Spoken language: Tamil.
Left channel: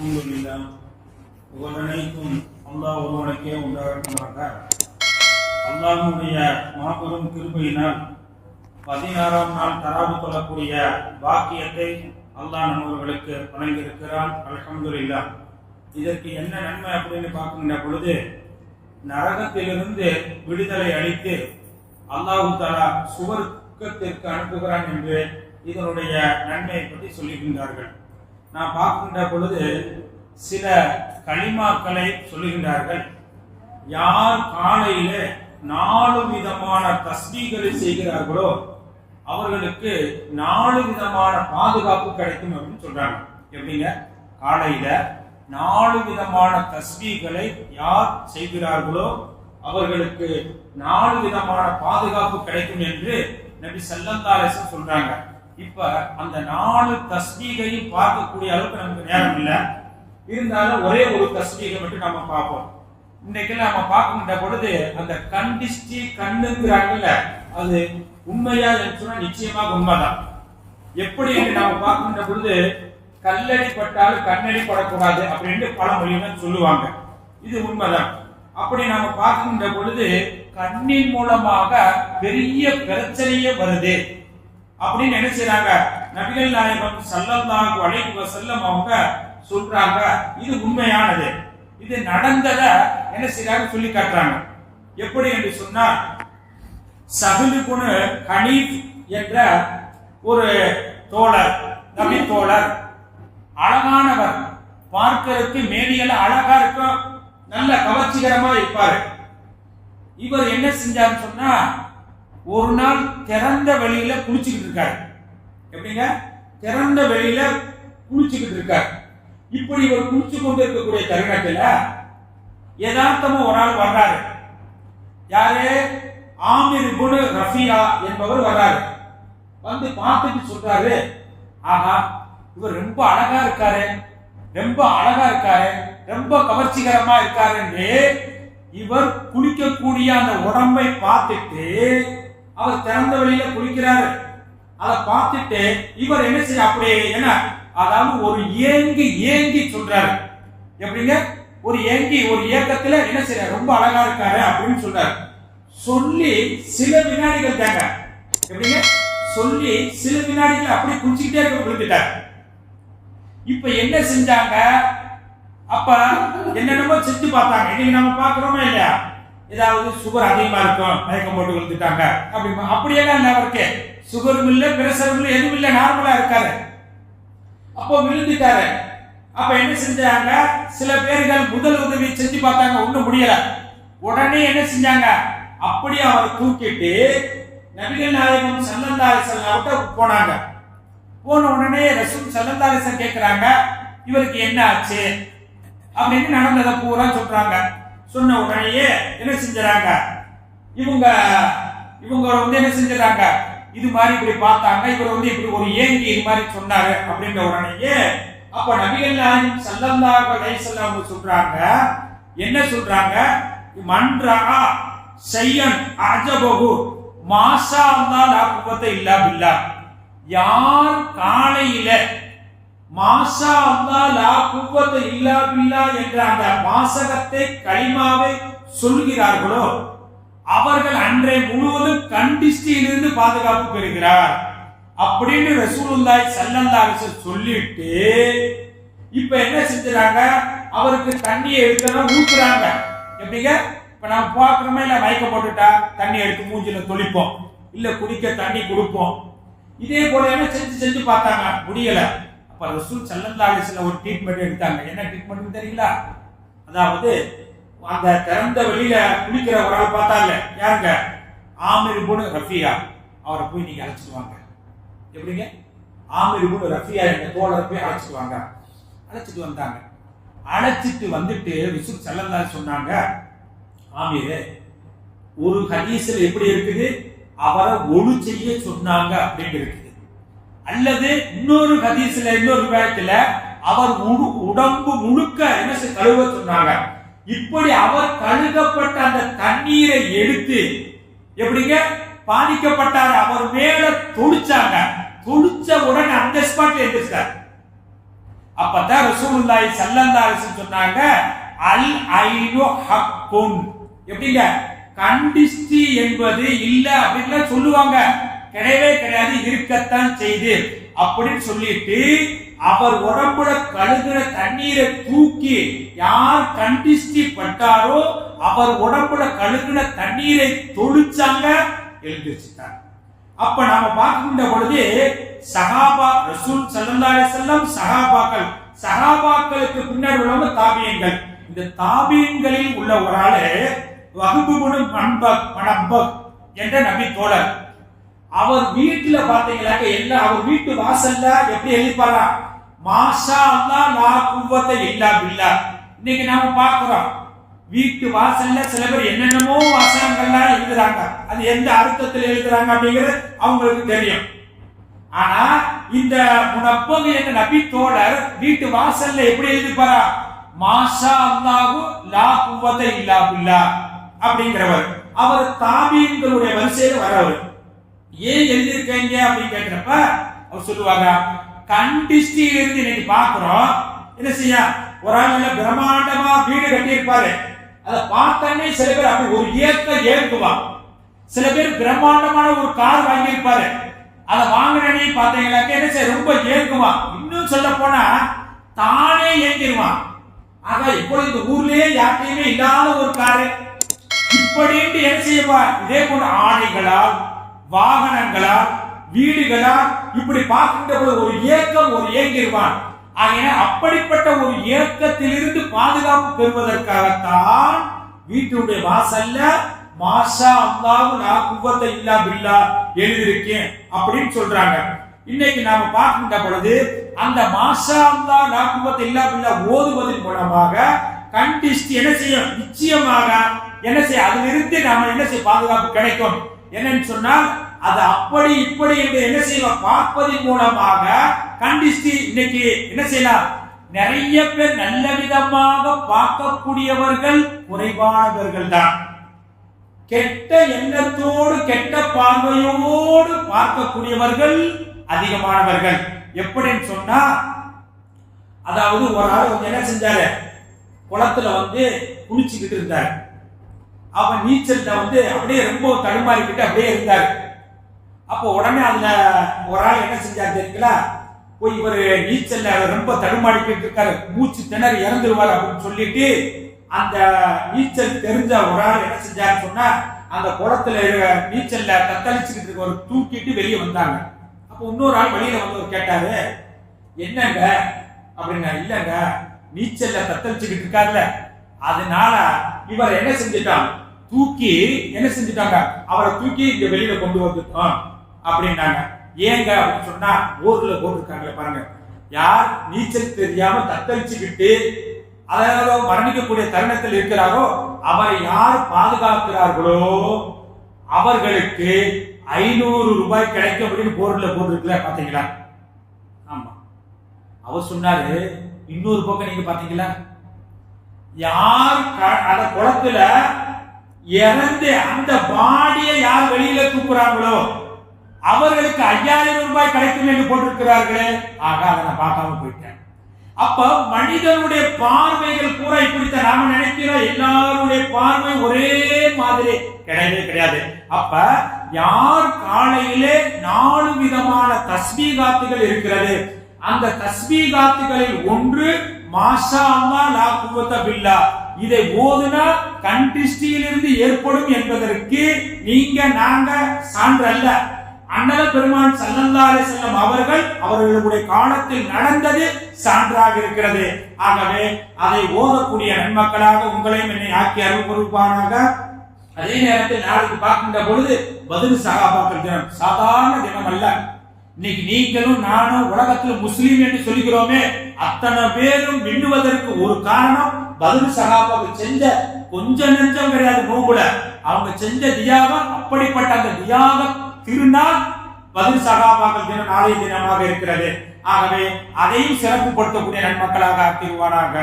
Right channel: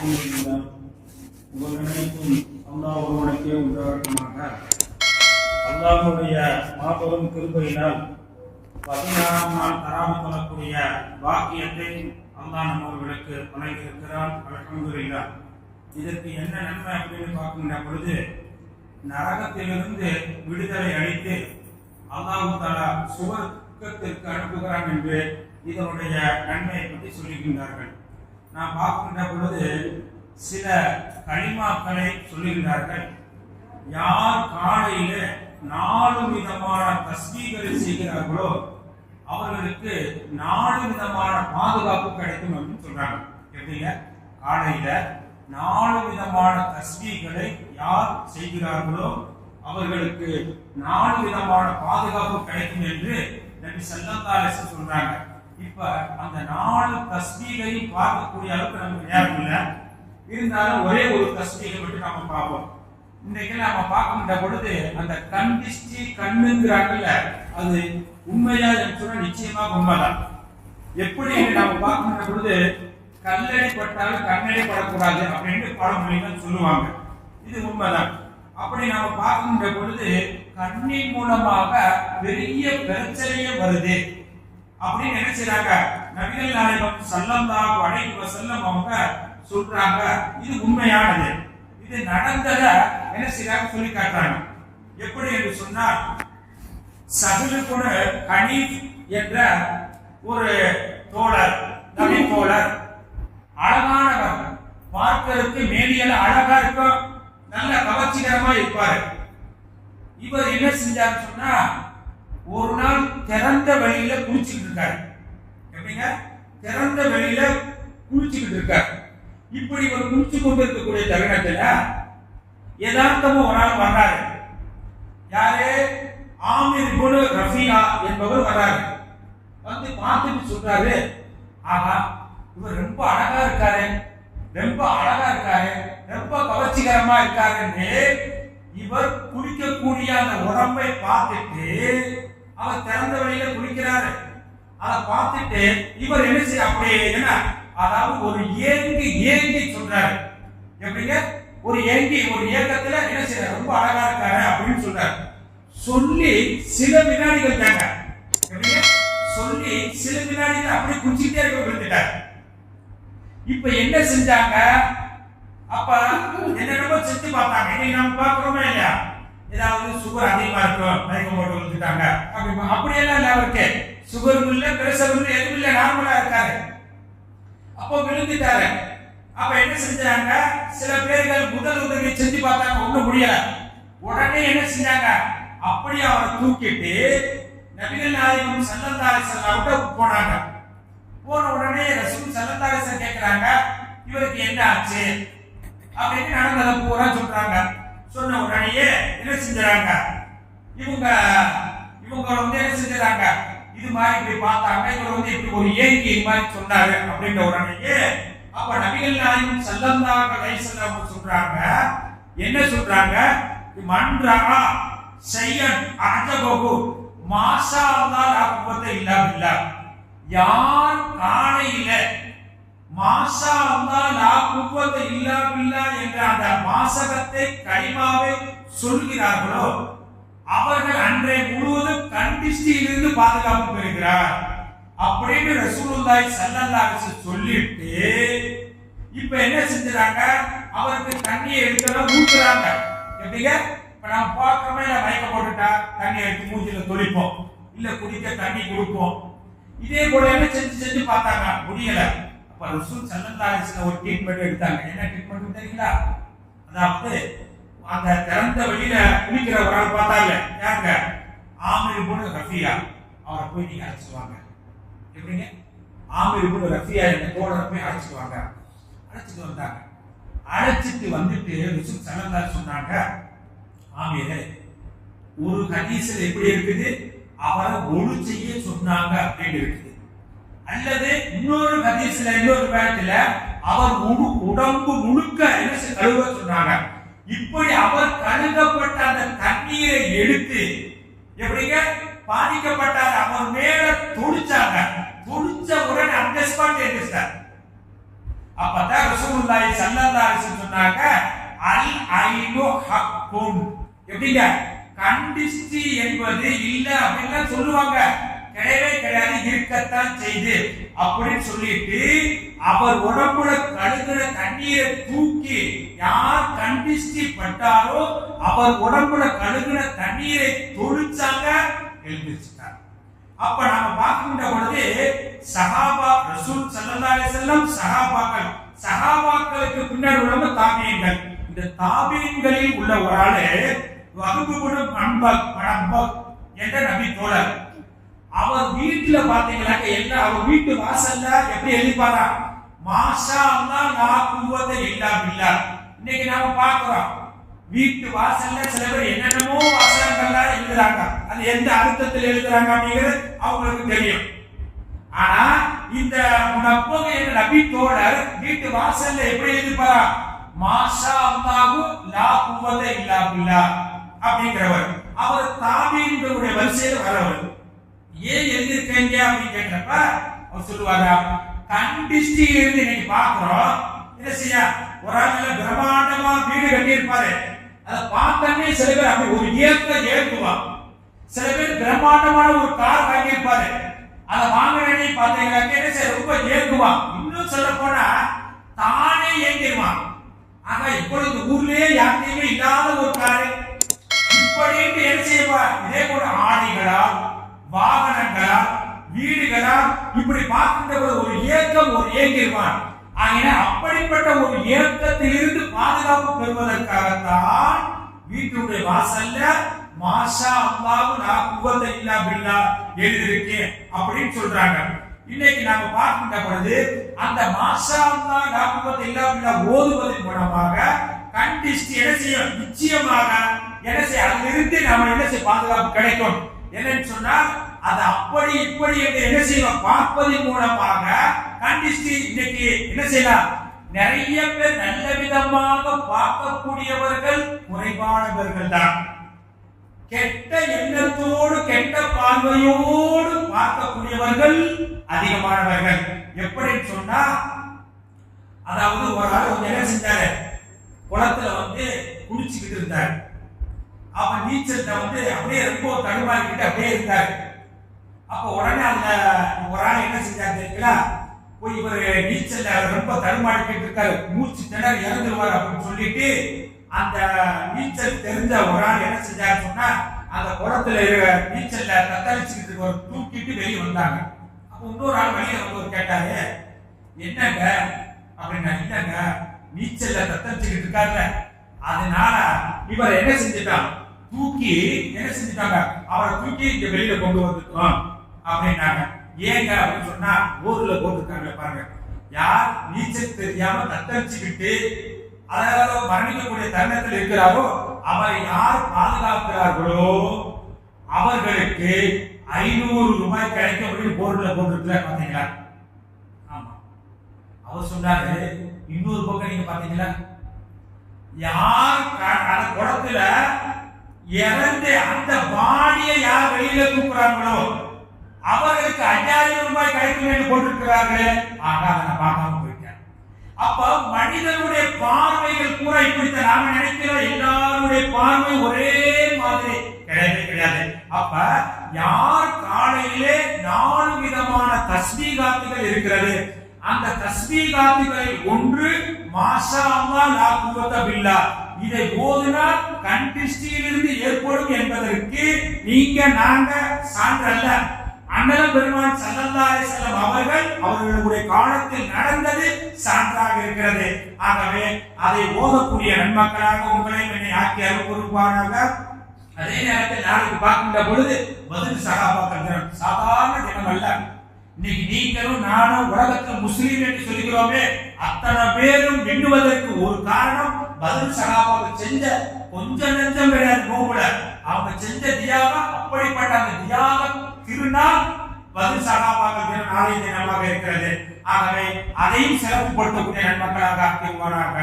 அல்ஹம்துலில்லாஹ் அல்லாஹ் ஒருவனுக்கே உண்டாகட்டுமாக அல்லாஹ்வுடைய மாபெரும் கிருபையினால் பதினாறாம் நாள் தராம கொள்ளக்கூடிய பாக்கியத்தை அல்லாஹ் நம்மவர்களுக்கு வழங்கியிருக்கிறான். இல்லா இதற்கு என்ன நன்மை அப்படின்னு பார்க்கின்ற பொழுது நரகத்திலிருந்து விடுதலை அளித்து அல்லாஹு தாலா சுவர்க்கத்திற்கு அனுப்புகிறான் என்று இதனுடைய நன்மையை பற்றி சொல்லுகின்றார்கள். நாம் பார்க்கின்ற பொழுது சில கனிமாக்களை சொல்லுகின்றார்கள். யார் காலையில நாலு விதமான தஸ்மீகளை செய்கிறார்களோ அவர்களுக்கு நாலு விதமான பாதுகாப்பு கிடைக்கும் அப்படின்னு சொல்றாங்க. எப்படிங்க? காலையில நாலு விதமான தஸ்மீகளை யார் செய்கிறார்களோ அவர்களுக்கு நாலு விதமான பாதுகாப்பு கிடைக்கும் என்று நபி சல்லல்லாஹு சொல்றாங்க. இப்ப அந்த நாலு தஸ்மீகையும் பார்க்கக்கூடிய அளவுக்கு நமக்கு நேரம் இல்லை. இருந்தாலும் ஒரே ஒரு தஸ்மீகை மட்டும் நம்ம பார்ப்போம். இன்னைக்கு நாம பார்க்கின்ற பொழுது அந்த கண்டிஷ்டி கண்ணுங்கிறாங்கல்ல அது உண்மையா சொன்னா நிச்சயமாக உண்மைதான். எப்படி என்று நாம பார்க்கின்ற பொழுது கல்லடி பட்டால் கண்ணடி படக்கூடாது அப்படின்னு பல மொழிகள் சொல்லுவாங்க. இது உண்மைதான். அப்படி நாம பார்க்கின்ற பொழுது கண்ணின் மூலமாக பெரிய பிரச்சனையே வருது. அப்படின்னு என்ன செய்றாங்க? நபிகள் நாயகம் தான் அலைஹி வஸல்லம் அவங்க சொல்றாங்க இது உண்மையானது. இது நடந்தத என்ன செய்றாங்க? சொல்லி காட்டுறாங்க. எப்படி என்று சொன்னா சஹலு கனீப் என்ற ஒரு தோழர் நபி தோழர் அழகானவர். பார்க்கறதுக்கு மேலியல அழகா இருக்கும் நல்ல கவர்ச்சிகரமா இருப்பாரு. இவர் என்ன செஞ்சாருன்னு சொன்னா ஒரு நாள் திறந்த வெளியில குளிச்சுக்கிட்டு இருக்காரு. எப்படிங்க? திறந்த வெளியில குளிச்சுக்கிட்டு இருக்காரு. இப்படி இவர் குளிச்சு கொண்டு இருக்கக்கூடிய தருணத்துல யதார்த்தமா ஒரு ஆள் வர்றாரு. யாரு? ஆமிர் குரு ரஃபியா என்பவர் வர்றாரு. வந்து பார்த்துட்டு சொல்றாரு ஆஹா இவர் ரொம்ப அழகா இருக்காரு. ரொம்ப அழகா இருக்காரு. ரொம்ப கவர்ச்சிகரமா இருக்காருன்னு இவர் குளிக்கக்கூடிய அந்த உடம்பை பார்த்துட்டு அவர் திறந்த வழியில குளிக்கிறாரு. அதை பார்த்துட்டு இவர் என்ன செய்ய அப்படியே என்ன? அதாவது ஒரு ஏங்கி ஏங்கி சொல்றாரு. எப்படிங்க? ஒரு ஏங்கி ஒரு ஏக்கத்துல என்ன செய்ய ரொம்ப அழகா இருக்காரு அப்படின்னு சொல்றாரு. சொல்லி சில வினாடிகள் தாங்க. எப்படிங்க? சொல்லி சில வினாடிகள் அப்படி குடிச்சுக்கிட்டே இருக்க விழுந்துட்டார் இப்ப என்ன செஞ்சாங்க? அப்ப என்னென்னமோ செஞ்சு பார்த்தாங்க. இன்னைக்கு நம்ம பாக்குறோமா இல்லையா? ஏதாவது சுகர் அதிகமா இருக்கும் மயக்கம் போட்டு விழுந்துட்டாங்க. அப்படி அப்படியெல்லாம் இல்லை அவருக்கு. சுகர் இல்ல பிரஷரும் இல்ல எதுவும் இல்ல நார்மலா இருக்காரு. அப்போ விழுந்துட்டாரு. அப்ப என்ன செஞ்சாங்க? சில பேர்கள் முதல் உதவி செஞ்சு பார்த்தாங்க ஒண்ணு முடியல. உடனே என்ன செஞ்சாங்க? அப்படியே அவரை தூக்கிட்டு நபிகள் நாயகம் சல்லல்லாஹு அவட்ட போனாங்க. போன உடனே ரசூல் சல்லல்லாஹு கேட்கிறாங்க இவருக்கு என்ன ஆச்சு? அப்படின்னு நடந்ததை? பூரா சொல்றாங்க. சொன்ன உடனேயே என்ன செஞ்சாங்க இவங்க இவங்க வந்து என்ன செஞ்சாங்க இது மாதிரி இப்படி பார்த்தாங்க இவர் வந்து இப்படி ஒரு ஏங்கி இது மாதிரி சொன்னாரு அப்படின்ற உடனேயே அப்ப நபிகள் நாயகம் சல்லல்லாஹு அலைஹி வஸல்லம் சொல்றாங்க என்ன சொல்றாங்க? மன்றா செய்யன் அஜபகு மாஷா அல்லாஹ் லா குவத்த இல்லா. யார் காலையில மாசா அல்லா லா குவத்த இல்லா பில்லா என்ற அந்த வாசகத்தை கலிமாவை சொல்கிறார்களோ அவர்கள் அன்றை முழுவதும் இருந்து பாதுகாப்பு பெறுகிறார். அப்படின்னு ரசூலுல்லாய் சல்லல்லாஹு சொல்லிட்டு இப்ப என்ன செஞ்சுறாங்க? அவருக்கு தண்ணியை எடுத்ததான் ஊத்துறாங்க எப்படிங்க? இப்ப நான் பார்க்கிறோமே இல்ல மயக்க போட்டுட்டா? தண்ணி எடுத்து மூஞ்சில தொளிப்போம். இல்ல குடிக்க தண்ணி கொடுப்போம். இதே போல என்ன செஞ்சு செஞ்சு பார்த்தாங்க? முடியல. அப்ப ரசூல் சல்லல்லாஹு ஒரு ட்ரீட்மெண்ட் எடுத்தாங்க. என்ன ட்ரீட்மெண்ட் தெரியல அதாவது அந்த திறந்த வெளியில குளிக்கிற ஒரு ஆள் பார்த்தாங்க. யாருங்க? ஆமிர் போடு ரஃபியா. அவரை போய் நீங்க அழைச்சிடுவாங்க எப்படிங்க? ஆமிர் போடு ரஃபியா என்ற தோழரை போய் அழைச்சிடுவாங்க அழைச்சிட்டு வந்தாங்க. அழைச்சிட்டு வந்துட்டு ரசூல் செல்லல்லா சொன்னாங்க ஆமீரே ஒரு ஹதீஸ்ல எப்படி இருக்குது? அவரை ஒழு செய்ய சொன்னாங்க அப்படின்னு இருக்குது அல்லது இன்னொரு ஹதீஸ்ல இன்னொரு பேட்டில அவர் முழு உடம்பு முழுக்க என்ன கழுவ சொன்னாங்க. இப்படி அவர் கழுகப்பட்ட அந்த தண்ணீரை எடுத்து எப்படிங்க? பாதிக்கப்பட்டார். அவர் மேல தொடிச்சாங்க. தொடிச்ச உடனே அந்த ஸ்பாட் எந்திரிச்சார். அப்பதான் ரசூலுல்லாஹி ஸல்லல்லாஹு அலைஹி சொன்னாங்க அல் ஐனு ஹக்குன். எப்படிங்க? கண்டிஸ்டி என்பது இல்ல அப்படின்னு சொல்லுவாங்க. கிடையவே கிடையாது இருக்கத்தான் செய்து. அப்படின்னு சொல்லிட்டு அவர் உடம்புல கழுகிற தண்ணீரை தூக்கி யார் கண்டிஸ்டி பட்டாரோ அவர் உடம்புல கழுகிற தண்ணீரை தொழிச்சாங்க எழுந்திருச்சுட்டாங்க அப்ப நாம பார்க்கின்ற பொழுது சஹாபா ரசூல் ஸல்லல்லாஹு அலைஹி வஸல்லம் சஹாபாக்கள் சஹாபாக்களுக்கு பின்னர் உள்ளவங்க தாபியங்கள் இந்த தாபியங்களில் உள்ள ஒரு ஆளு வகுப்புபடு பண்பக் பணப்பக் என்ற நபி தோழர். அவர் வீட்டுல பாத்தீங்கன்னாக்க எல்லாம் அவர் வீட்டு வாசல்ல எப்படி எழுதிப்பாரா? மாஷா அல்லா லா குவத்த இல்லா பில்லா. இன்னைக்கு நாம பாக்குறோம் வீட்டு வாசல்ல சில பேர் என்னென்னமோ வாசனங்கள்லாம் எழுதுறாங்க. அது எந்த அர்த்தத்தில் எழுதுறாங்க அப்படிங்கிறது அவங்களுக்கு தெரியும். ஆனா இந்த முனப்பகு என்ற நபி தோழர் வீட்டு வாசல்ல எப்படி எழுதிப்பாரா? மாஷா அல்லாஹு லா குவத்த இல்லா பில்லா. அப்படிங்கிறவர். அவர் தாபீன்களுடைய வரிசையில் வரவர் ஏன் எழுதியிருக்கீங்க அப்படின்னு கேட்கிறப்ப அவர் சொல்லுவாங்க கண்டிஸ்டியில இருந்து நீங்க பாக்குறோம் என்ன செய்ய? ஒரு ஆள் பிரம்மாண்டமா வீடு கட்டி இருப்பாரு அதை பார்த்தோன்னே சில பேர் அப்படி ஒரு ஏக்க ஏற்குவான் சில பேர் பிரம்மாண்டமான ஒரு கார் வாங்கியிருப்பாரு. அதை வாங்கினே பாத்தீங்கன்னா என்ன செய்ய? ரொம்ப ஏங்குவான் இன்னும் சொல்ல போனா தானே ஏங்கிடுவான் ஆக இப்போ இந்த ஊர்லயே யார்கிட்டயுமே இல்லாத ஒரு காரு. இப்படின்ட்டு என்ன செய்வா இதே போல ஆணைகளால் வாகனங்களா வீடுகளா இப்படி பார்க்கின்ற போது ஒரு இயக்கம் ஒரு இயங்கிருவான் ஆகின அப்படிப்பட்ட ஒரு இயக்கத்திலிருந்து பாதுகாப்பு பெறுவதற்காகத்தான் வீட்டுடைய வாசல்ல மாஷா அல்லாஹு நான் குவத்த இல்லா பில்லா எழுதியிருக்கேன் அப்படின்னு சொல்றாங்க. இன்னைக்கு நாம பார்க்கின்ற பொழுது அந்த மாஷா அம்மா நான் குவத்த இல்லா பில்லா ஓதுவதன் மூலமாக கண்டிஸ்ட் என்ன செய்யும்? நிச்சயமாக என்ன செய்ய அதிலிருந்து நாம என்ன செய்ய? பாதுகாப்பு கிடைக்கும். என்னன்னு சொன்னால் அதை அப்படி இப்படி என்று என்ன செய்யலாம் பார்ப்பதன் மூலமாக கண்டிஸ்டி இன்னைக்கு என்ன செய்யலாம்? நிறைய பேர் நல்ல விதமாக பார்க்கக்கூடியவர்கள் குறைவானவர்கள் தான் கெட்ட எண்ணத்தோடு கெட்ட பார்வையோடு பார்க்கக்கூடியவர்கள் அதிகமானவர்கள். எப்படின்னு சொன்னா அதாவது ஒரு ஆள் கொஞ்சம் என்ன செஞ்சாரு? குளத்துல வந்து குளிச்சுக்கிட்டு இருந்தார். அவன் நீச்சல்ல வந்து அப்படியே ரொம்ப தடுமாறிக்கிட்டு அப்படியே இருந்தார். அப்போ உடனே அந்த ஒரு ஆள் என்ன செஞ்சாரு தெரியுங்களா? போய் இவர் நீச்சல்ல ரொம்ப தடுமாடிக்கிட்டு இருக்காரு மூச்சு திணறி இறந்துருவார் அப்படின்னு சொல்லிட்டு அந்த நீச்சல் தெரிஞ்ச ஒரு ஆள் என்ன செஞ்சாரு சொன்னா அந்த குளத்துல இருக்க நீச்சல்ல தத்தளிச்சுக்கிட்டு ஒரு தூக்கிட்டு வெளியே வந்தாங்க. அப்போ இன்னொரு ஆள் வெளியில வந்து ஒரு கேட்டாரு என்னங்க? அப்படின்னா இல்லங்க நீச்சல்ல தத்தளிச்சுக்கிட்டு இருக்காருல்ல அதனால இவர் என்ன செஞ்சுட்டான்? தூக்கி என்ன செஞ்சுட்டாங்க? அவரை தூக்கி இங்க வெளியில கொண்டு வந்துட்டோம். அப்படின்னாங்க. ஏங்க அப்படின்னு சொன்னா ஊர்ல போட்டிருக்காங்க பாருங்க. யார் நீச்சல் தெரியாம தத்தளிச்சுக்கிட்டு அதாவது மரணிக்கக்கூடிய தருணத்தில் இருக்கிறாரோ அவரை யார் பாதுகாக்கிறார்களோ அவர்களுக்கு ஐநூறு ரூபாய் கிடைக்கும் அப்படின்னு போர்டில் போட்டிருக்கல பாத்தீங்களா ஆமா. அவர் சொன்னாரு இன்னொரு பக்கம் நீங்க பாத்தீங்களா யார் க- அந்த குளத்துல இறந்து அந்த பாடியை யார் வெளியில தூக்குறாங்களோ அவர்களுக்கு ஐயாயிரம் ரூபாய் கிடைக்கும் என்று போட்டிருக்கிறார்களே. ஆக அதை நான் பார்க்காம போயிட்டேன். அப்ப மனிதனுடைய பார்வைகள் கூட இப்படித்தான். நாம நினைக்கிறோம் எல்லாருடைய பார்வை ஒரே மாதிரி. கிடையவே கிடையாது. அப்ப யார் காலையிலே நாலு விதமான தஸ்பீகாத்துகள் இருக்கிறது? அந்த தஸ்மீகாத்துகளில் ஒன்று மாஷா அல்லா லா குவத்த பில்லா. இதை ஓதினால் கண் திருஷ்டியிலிருந்து ஏற்படும் என்பதற்கு நீங்க நாங்க சான்று அல்ல. அண்ணல பெருமான் சல்லல்லாரே செல்லம் அவர்கள் அவர்களுடைய காலத்தில் நடந்தது சான்றாக இருக்கிறது. ஆகவே அதை ஓதக்கூடிய நன்மக்களாக உங்களையும் என்னை ஆக்கி அருள் பொறுப்பானாக அதே நேரத்தில் நாளைக்கு பார்க்கின்ற பொழுது பதில் சகாபாக்கள் தினம். சாதாரண தினம் அல்ல. இன்னைக்கு நீங்களும் நானும் உலகத்தில் முஸ்லீம் என்று சொல்கிறோமே அத்தனை பேரும் விண்ணுவதற்கு ஒரு காரணம் பதில் சகாபாக்கள் செஞ்ச கொஞ்சம் நெஞ்சம் கிடையாது நோம்புல அவங்க செஞ்ச தியாகம் அப்படிப்பட்ட அந்த தியாகம் திருநாள் பதில் சகாபாக தினம் நாளைய தினமாக இருக்கிறது. ஆகவே அதையும் சிறப்புப்படுத்தக்கூடிய நன்மக்களாக ஆக்கிடுவாராக